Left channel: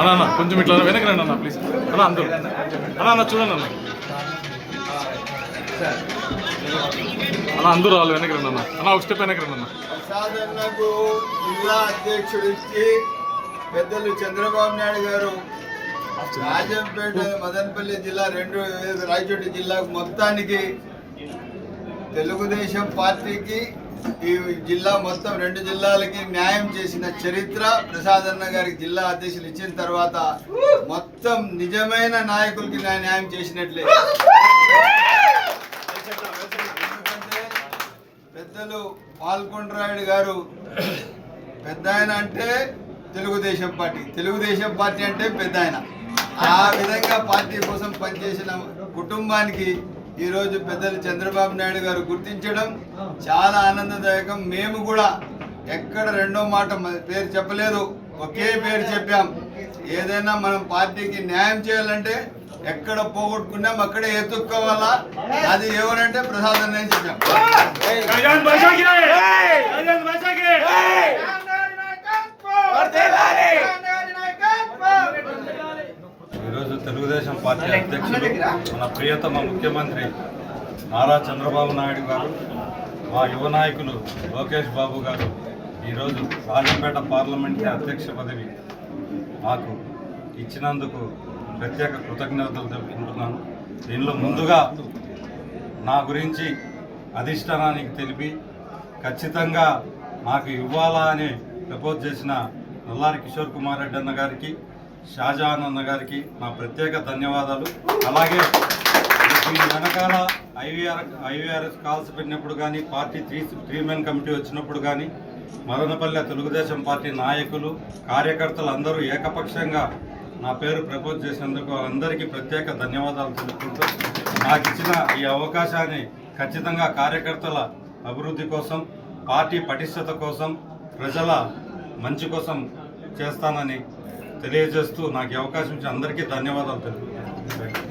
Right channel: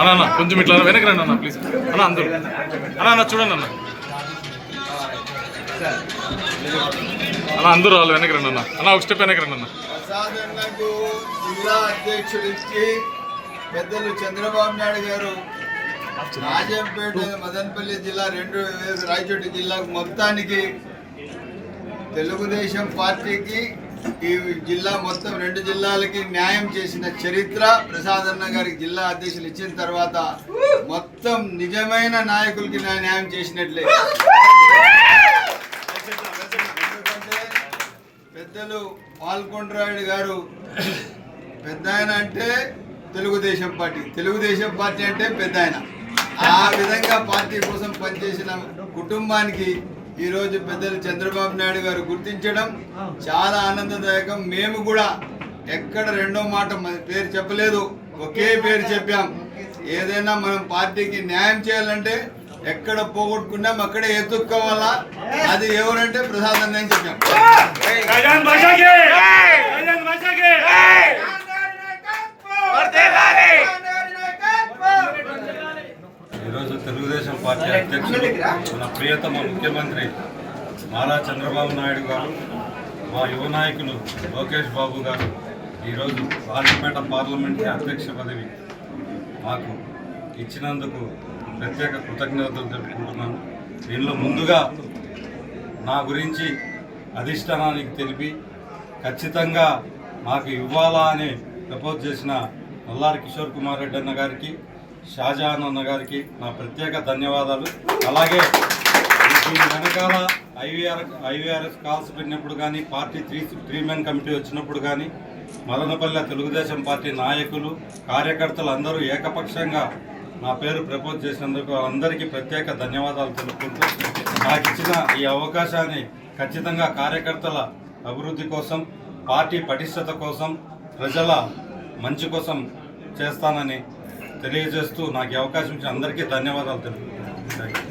అన్న కొంచెం ఇట్లా వెనక్కి రండి అన్న ప్లీజ్ అన్న అందరూ అన్న చూడండి అన్న అందరూ వాళ్ళు వెనక్కి రండి అన్న ఒక స్టెప్ వెనక్కి రండి అన్న. ప్రసాదన్నకు జిల్లా అధ్యక్షుడికి పెద్దలు చంద్రబాబు నాయుడు గారు రాజంపేట మదనపల్లి జిల్లా రాయచోటి జిల్లా మొత్తానికి తెలుగుదేశం పార్టీకి ఈ జిల్లా మొత్తం 2 జిల్లాలకి న్యాయం చేసిన చరిత్ర ప్రసాదన్న గారికి జిల్లా అధ్యక్షులు ఇచ్చిన తర్వాత మొత్తం నిజమైన నాయకులకి న్యాయం చేసినట్లే. పెద్దలు పాల్కొండరాయుడు గారు పెద్ద ఆయన అంటే తెలుగుదేశం పార్టీ అంటే పెద్ద ఆయన. ఆ విధంగా పార్టీ కోసం పనిచేసిన కుటుంబానికి ఈరోజు పెద్దలు చంద్రబాబు నాయుడు గారు గుర్తించడం చాలా ఆనందదాయకం. మేము కూడా ఎక్కడ రెండో మాట పేరు చెప్పలేదు, ఒకే పేరు చెప్పాం. ఏదైనా మనం పార్టీకి న్యాయం చేయాలంటే ఎక్కడ పోగొట్టుకున్నాం అక్కడే ఎత్తుక్కోవాలా, అది ఎవరంటే ప్రసాద్ అని చెప్పాం. ఈరోజు తెలుగుదేశం పార్టీ అధ్యక్షులు మన ప్రియతమ ముఖ్యమంత్రి నారా చంద్రబాబు నాయుడు గారు, మా యువ నాయకులు లోకేష్ బాబు గారు ఈరోజు రాజంపేట పార్లమెంట్ అధ్యక్ష పదవి మాకు ఇచ్చినందుకు ప్రత్యేక కృతజ్ఞతలు తెలుపుకుంటున్నాను. దీనిలో ముందుగా నా గురించి అధిష్టానానికి తెలిపి ఖచ్చితంగా నాకు ఇవ్వాలా అని ప్రపోజ్ చేసిన నల్లారి కిషోర్ కుమార్ రెడ్డి అన్న గారికి, షాజహాన్ అన్న గారికి నా ప్రత్యేక ధన్యవాదాలు. అలాగే దీని వెనకాల ఐవీఆర్ఎస్ కాల్స్ పెట్టినప్పుడు కానీ, పార్టీ త్రీ మెన్ కమిటీ వచ్చినప్పుడు కానీ, మదనపల్లె తెలుగుదేశం పార్టీ నాయకులు కార్యకర్తలు అందరూ ఏకపక్షంగా నా పేరు ప్రపోజ్ చేసినందుకు అందరికీ ప్రత్యేక ధన్యవాదాలు తెలుపుకుంటూ నాకు ఇచ్చిన ఈ అవకాశాన్ని ఖచ్చితంగా కార్యకర్తల అభివృద్ధి కోసం, పార్టీ పటిష్టత కోసం, ప్రజల మంచి కోసం చేస్తానని తెలియజేస్తూ నాకు ఈ అవకాశం ఇచ్చిన అందరికీ ధన్యవాదాలు తెలుపుతున్నాను.